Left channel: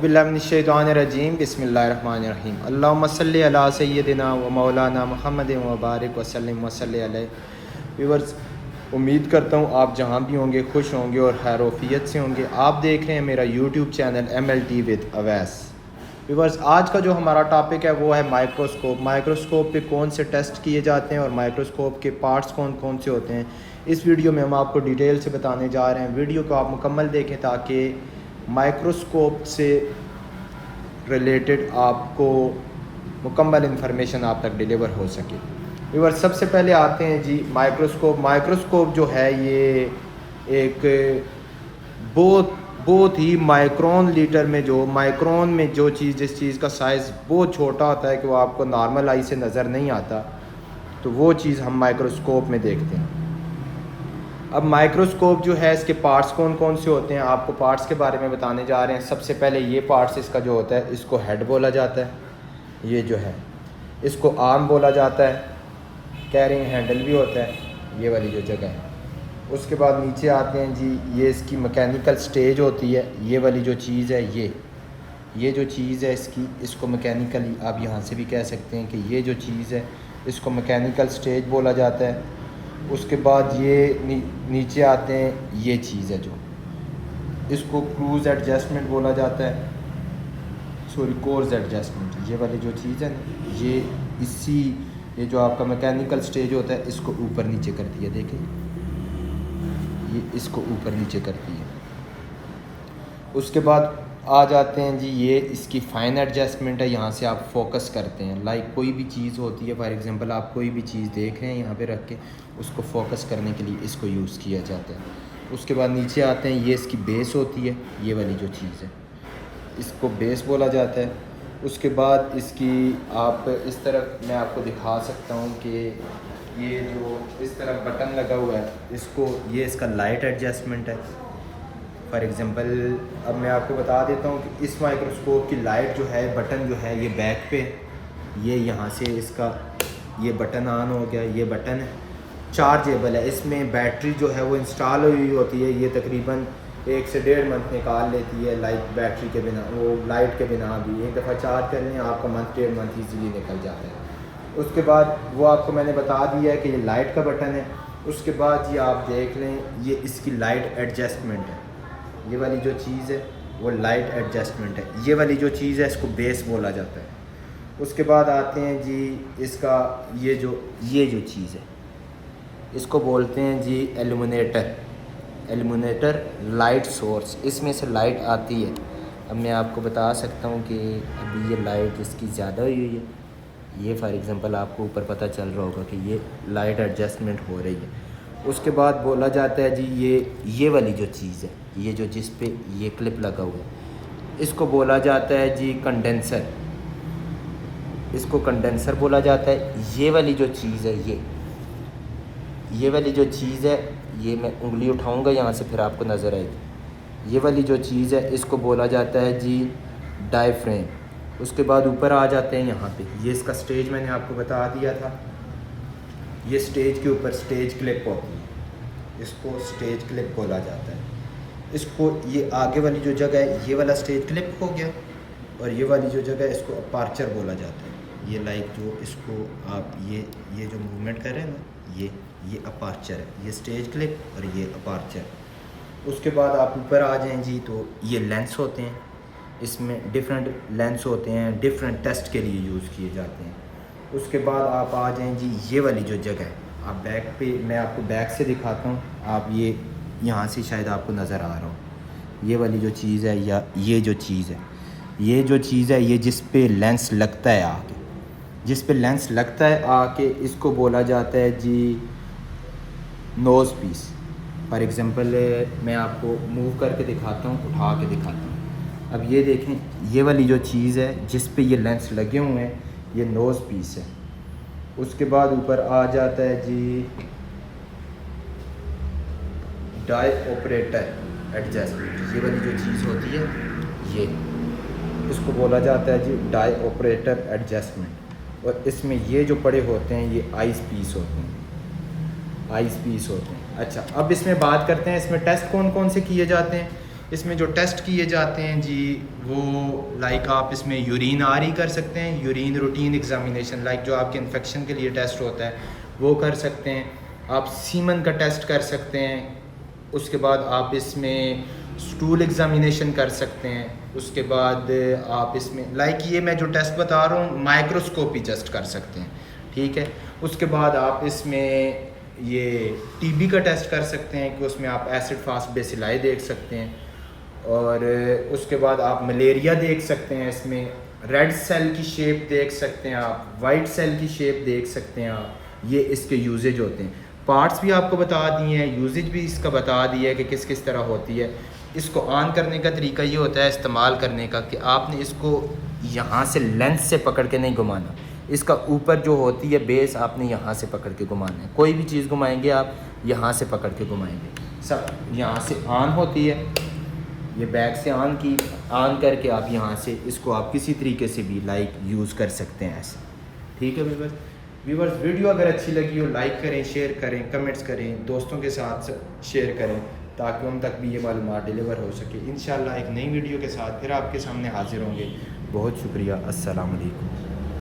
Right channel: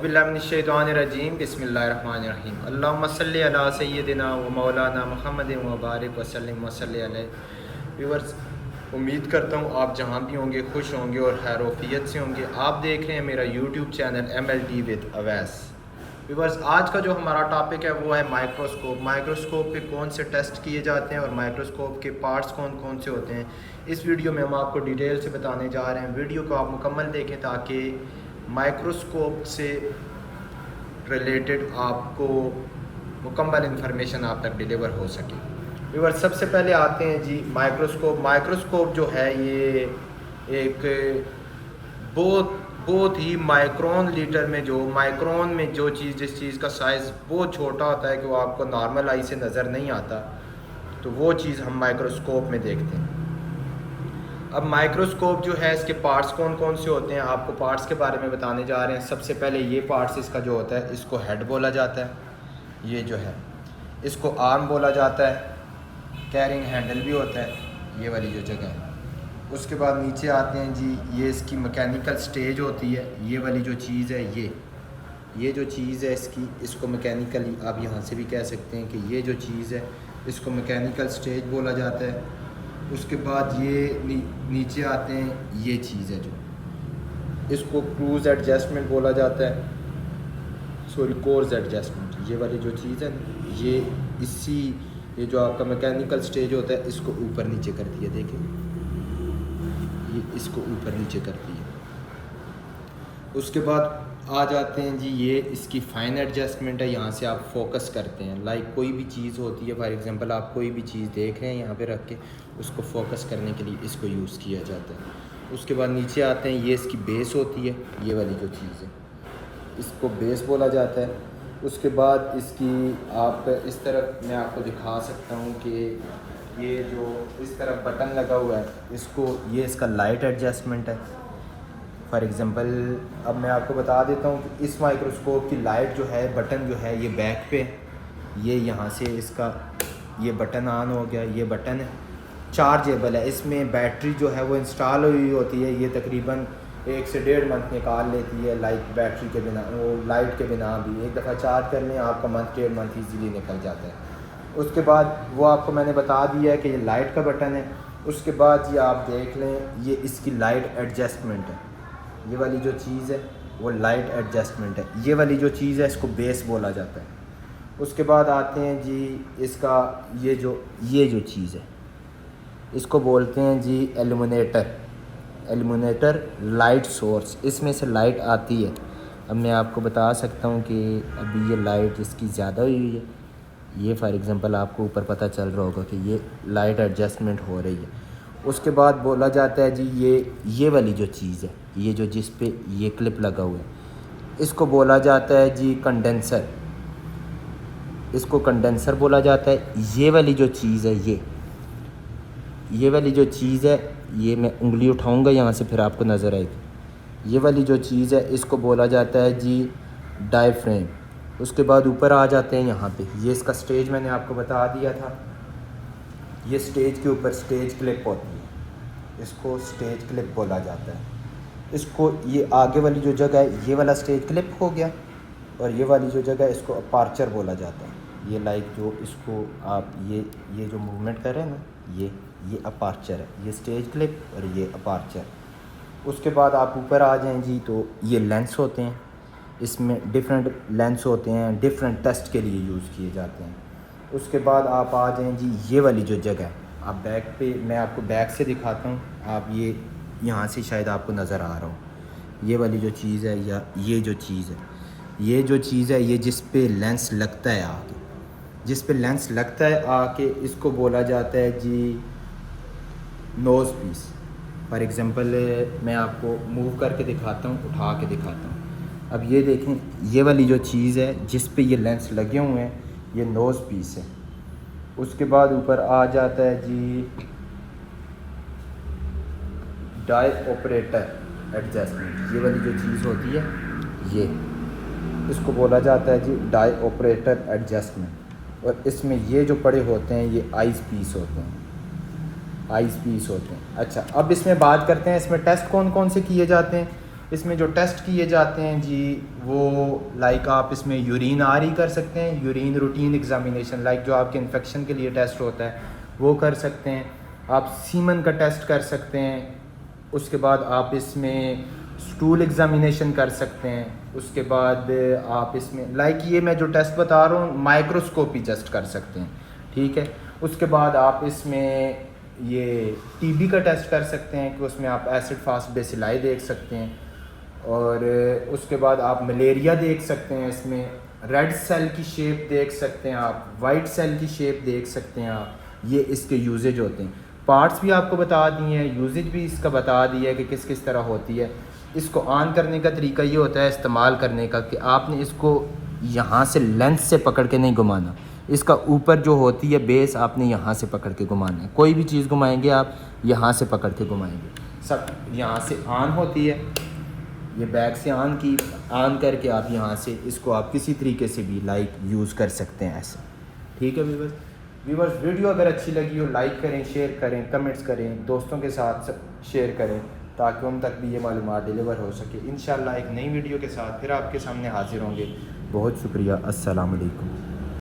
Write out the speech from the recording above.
बिस्मिल्लाहिर्रहमानिर्रहीम बिस्मिल्लाहिर्रहमानिर्रहीम अल्लाहुम्मा सल्लि अला सय्यदिना व मौलाना मुहम्मद व बारिक वसल्लिम वसल्लि अलैहि। व्यूअर्स, उम्मीद करता हूँ आप जहाँ भी होंगे खुश होंगे और खैरोफियत से होंगे। आप देख रहे हैं मेरा YouTube channel MLT with Awais. Viewers, आज का जो हमारा टॉपिक है वो है माइक्रोस्कोप। माइक्रोस्कोप पे कौन से टेस्ट किए जाते हैं और माइक्रोस्कोप के पार्ट्स कौन कौन से होते हैं, इस वीडियो में हम आपको डिटेल से बताने जा रहे हैं। वीडियो को आप मुकम्मल देखें ताकि माइक्रोस्कोप से रिलेटेड आपको मुकम्मल इंफॉर्मेशन आप तक डिलीवर हो सके। व्यूअर्स, सबसे पहले आते हैं जी माइक्रोस्कोप। माइक्रोस्कोप जो है ये एक बहुत बहुत ही माइक्रोन लीटर में जो चीज़ जिस चीज़ का साइज़ बहुत छोटा होता है कि वो आपको नॉर्मल आई से नज़र नहीं आता, तो वो चीज़ हम माइक्रोस्कोप में देखते हैं। अब माइक्रोस्कोप जो है इसके पार्ट्स कौन कौन से होते हैं, आपको पार्ट्स के बारे में बताने जा रहे हैं। सबसे पहले ये पार्ट्स इसका जो होता है इसको हेड बोला जाता है। ये जो है इसको आर्म बोला जाता है। कैरिंग हैंडल भी होता है, ये वाली जो जगह है। उसके बाद नीचे आते हैं जी, ये इसकी मैकेनिकल स्टेज होती है। ये वाली जो चीज़ है ये जो चीज़ है इसको मैकेनिकली आप यहाँ से भी कह सकते हैं कि ये जो चीज़ है इसको मैकेनिकल स्टेज बोला जाता है। उसके बाद ये नीचे आते हैं, ये चीज़ है जो इसको क्रूज एडजस्टमेंट बोला जाता है, सॉरी कोर्स एडजस्टमेंट। ये वाली जो चीज़ है ये जो आपका मैकेनिकल स्टेज होता है इसको ऊपर नीचे करती है। देखें, ये इसको ऊपर नीचे करती है। उसके बाद आ जाते हैं जी, ये इसकी फाइन एडजस्टमेंट है। यहाँ से आप फोकस करते हैं, लाइक कोई भी चीज़ होती है, फॉर एग्जांपल आप कोई भी चीज़ देख रहे हैं यहाँ पे रख के, उसको फोकस करने के लिए इसको यूज़ किया जाता है। उसके बाद नीचे आते हैं, ये इसकी बेस होती है। ये वाली जो चीज़ है इसको बेस बोला जाता है। उसके बाद इसकी आप इस तरफ मैं आपको दिखा सकता हूँ कि ये जो इस तरफ बटन लगा हुआ है ये इसका लाइट एडजस्टमेंट है। फॉर एग्ज़ाम्पल अब मैं आपको बता देता हूँ कि इस माइक्रोस्कोप की लाइट जो है, बटन जो है ये बैक पे, ये यहाँ से इसका ये बटन ऑन हो गया। ये बटन है, चार्जेबल है। इसमें बैटरी जो है वो इंस्टॉल हुई होती है। ये तकरीबन 1 से 1.5 मंथ निकाल लेती है, लाइक बैटरी के बिना, वो लाइट के बिना भी। एक दफ़ा चार्ज कर लें आपका मंथ 1.5 मंथ ईजीली निकल जाता है। उसके बाद वो आपको मैंने बता दिया है कि ये लाइट का बटन है। उसके बाद ये आप देख लें, ये इसकी लाइट एडजस्टमेंट है। ये वाली जो चीज़ है वो लाइट एडजस्टमेंट है। ये वाली जो चीज़ है इसको बेस बोला जाता है। उसके बाद आते हैं जी इसका ये जो चीज़ है इसको बोलते हैं जी एल्यूमिनेटर लाइट सोर्स। इसमें से लाइट आती है। अब मैं आपको बता सकता हूँ कि अभी ये लाइट इसकी ज़्यादा हुई है। ये फॉर एग्ज़ाम्पल आपको ऊपर पता चल रहा होगा कि ये लाइट एडजस्टमेंट हो रही है। उसके बाद बोला जाता है जी ये वाली जो चीज़ है, ये जो जिस पे ये क्लिप लगा हुआ है, इसको बोला जाता है जी कंडेंसर। इसको कंडेंसर बोला जाता है। ये वाली जो चीज़ है ये वाली जो चीज़ है, ये मैं उंगली उठाऊंगा यहाँ से फिर आपको नज़र आएगी। ये वाली जो चीज़ है इसको बोला जाता है जी डायफ्रेम। उसके बाद ऊपर आ जाते हैं यहाँ पे, ये इसका स्टेज मैंने आपको बता दिया था। ये स्टेज के ऊपर स्टेज क्लिप होती है, इसको स्टेज क्लिप बोला जाता है। इसको ये आगे वाली जो जगह है ये वाला स्टेज क्लिप हो गया, और ये वाली जो जगह है इसको अपार्चर बोला जाता है। ये लाइक जो इसको आप ये जो मूवमेंट कर रहे हैं ना, ये अपार्चर है, ये स्टेज क्लिप और ये अपार्चर। उसके बाद आप ऊपर आ जाएं जी, तो ये लेंस होते हैं। इसमें डिफरेंट लेंस होते हैं, डिफरेंट टेस्ट के लिए यूज़ किए जाते हैं। उसके बाद आप आ जाएं जी, ये वाली जो जगह है, आप बैक पे, मैं आपको बैक से दिखाता हूँ, आप ये यहाँ से शायद आपको नज़र आ रहा हो। ये वाली जो चीज़ है या ये जो चीज़ है ये जिस पे लेंस लगता है आके, इसको बोला जाता है जी नोज़ पीस। फॉर एग्ज़ाम्पल मैं आपको मूव करके दिखाता हूँ, उठा के दिखाता हूँ। अब ये देखें, ये वाली जो चीज़ है जिस पे ये लेंस लगे हुए हैं, ये नोज़ पीस है। उसके बाद ऊपर आ जाता है जी डाई ऑपरेटर एडजस्टमेंट। ये वाली जो चीज़ होती है ये, इसको बोला जाता है जी डाई ऑपरेटर एडजस्टमेंट। और इसमें ये जो पड़े होते हैं ये आइस पीस होते हैं। अच्छा, अब इसमें बात करते हैं इसमें टेस्ट कौन कौन से किए जाते हैं। इसमें जो टेस्ट किए जाते हैं जी वो लाइक आप इसमें यूरिन आर कर सकते हैं, यूरिन रूटीन एग्जामिनेशन लाइक जो आपके इन्फेक्शन के लिए टेस्ट होता है वो कर सकते हैं। आप सीमन का टेस्ट कर सकते हैं। उसके बाद आप इसमें स्टूल एग्जामिनेशन कर सकते हैं। उसके बाद आप इसमें लाइक ये मैं जो टेस्ट बता रहा हूँ माइक्रोस्कोपी टेस्ट कर सकते हैं, ठीक है। उसके बाद आप इसमें ये टीबी का टेस्ट कर सकते हैं कि उसमें आप एसिड फास्ट बेसिलाई देख सकते हैं। और उसके बाद आप मलेरिया देख सकते हैं, इसमें रेड सेल की शेप देख सकते हैं, आप वाइट सेल की शेप देख सकते हैं आप। ये इसके यूजेज होते हैं। पार्ट्स भी आपको बता दिए हैं, यूजेज भी इसका बता दिया है कि किस किस तरह होती है। इसको ऑन करने का तरीका ये होता है इस्तेमाल करने का कि आपने इसको यहाँ से लेंथ से पकड़ के नहीं घुमाना, इसका ऊपर जो होती है बेस आपने यहाँ से पकड़ के घुमाना है। कोई भी चीज़ घुमाएंगे आप यहाँ से पकड़ के घुमाएंगे। सब यहाँ से ऑन होती है, ये बैक से ऑन करके आप यहाँ से इसको आप किसी तरीके से भी लाइक यूज़ कर सकते हैं ऐसे, ठीक है। व्यूवर्स वीडियो अगर अच्छी लगी हो लाइक करें, शेयर करें, कमेंट्स करें, दोस्तों के साथ शेयर करें ताकि उन तक भी ये मालूमात डिलीवर हो सके। इंशाल्लाह एक नई वीडियो के साथ फिर आपके सामने हाजिर होंगे। बहुत शुक्रिया। अस्सलाम वालेकुम।